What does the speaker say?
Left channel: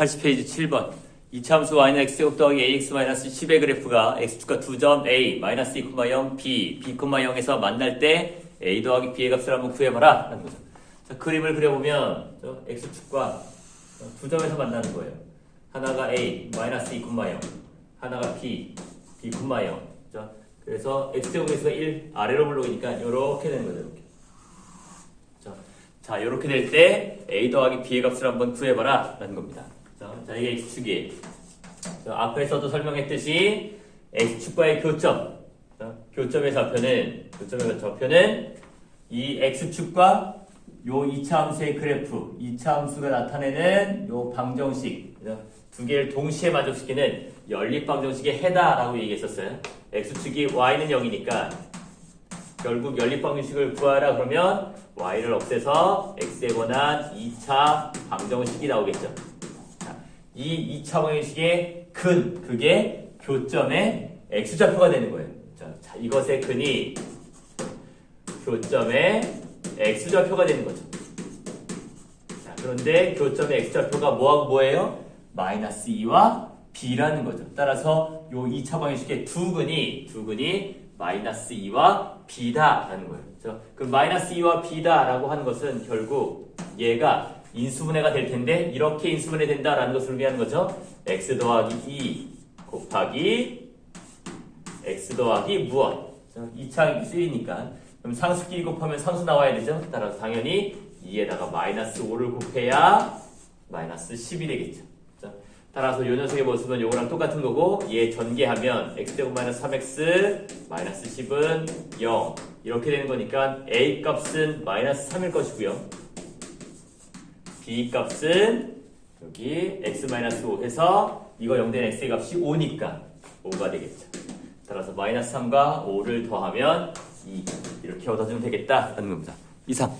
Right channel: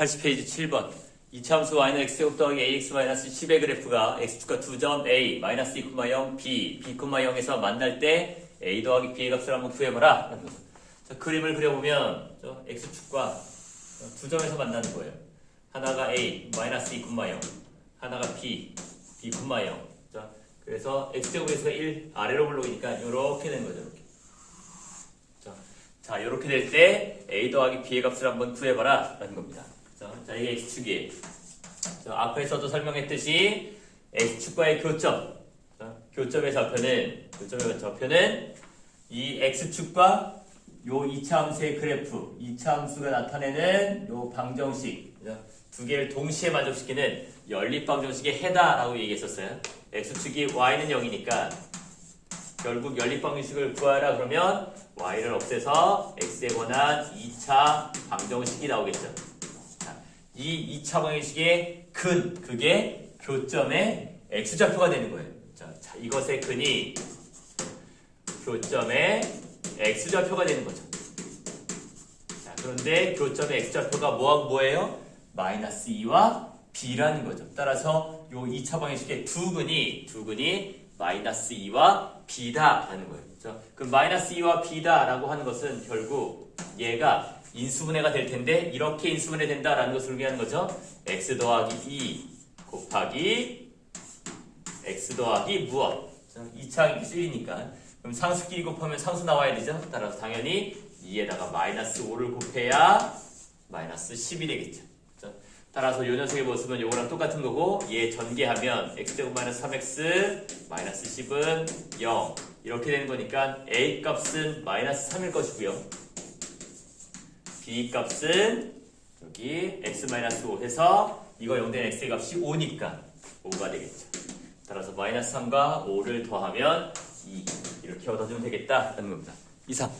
80페이지 7번. 이차함수 y는 x제곱 더하기 ax 마이너스 10의 그래프가 x축과 2점 a 마이너스 2,0 b, b, 0에서 만날 때 a 더하기 b의 값을 한번 구해봐라. 자, 그림을 그려보면 저 x축과 두 점에서 만나는 거예요. 하나가 a 마이너스 2,0 하나가 b, b, 0 자, 그래서 x제곱에서 1 아래로 물러오니까 이렇게 되는 거죠. 이렇게. 자, 자, 이렇게 될 때 a 더하기 b의 값을 한번 구해봐라 라는 겁니다. 자, 자 이게 x축이에요. 자, 앞에서도 설명했듯이 x축과의 교점, 자, 교점의 좌표는 교점의 좌표는 이 x축과 요 2차 함수의 그래프, 2차 함수가 나타내는 요 방정식? 두 개를 동시에 만족시키는 연립 방정식의 해다라고 얘기했었어요. x축이 y는 0이니까 결국 연립 방정식을 구하라 그러면 y를 없애서 x에 관한 2차 방정식이 나오겠죠. 자, 이 2차 방정식의 근, 그게 교점의 x좌표가 되는 거예요. 자, 자, 이것의 근이 교점의 x좌표가 되는 거죠. 자, 그런데 교점의 x좌표가 뭐하고 뭐예요? 마이너스 2와 b라는 거죠. 따라서 요 2차 방정식의 두 근이 두 근이 마이너스 2와 b다라는 거예요. 그렇죠? 그 마이너스 2와 b다라고 하는 것은 결국 얘가 인수분해가 될 텐데 이렇게 인수분해 된다라는 것을 의미하는 거죠. x 더하기 2 곱하기 x 더하기 무엇? 2차 1이니까 그럼 상수끼리 곱하면 상수 나와야 되죠. 따라서 당연히 2에다가 마이너스 5를 곱해야 마이너스 10이 되겠죠. 자, 따라서 요 녀석의 모습은 요거랑 똑같은 거고 얘 전개하면 x제곱 마이너스 3x 마이너스 10은 0 이렇게 되는 거니까 a 값은 마이너스 3일 것이고요. B 값은 여기 x 마이너스 5 해서 이거 0된 x의 값이 5니까 5가 되겠죠. 따라서 마이너스 3과 5를 더하면 2 이렇게 얻어주면 되겠다 라는 겁니다. 이상.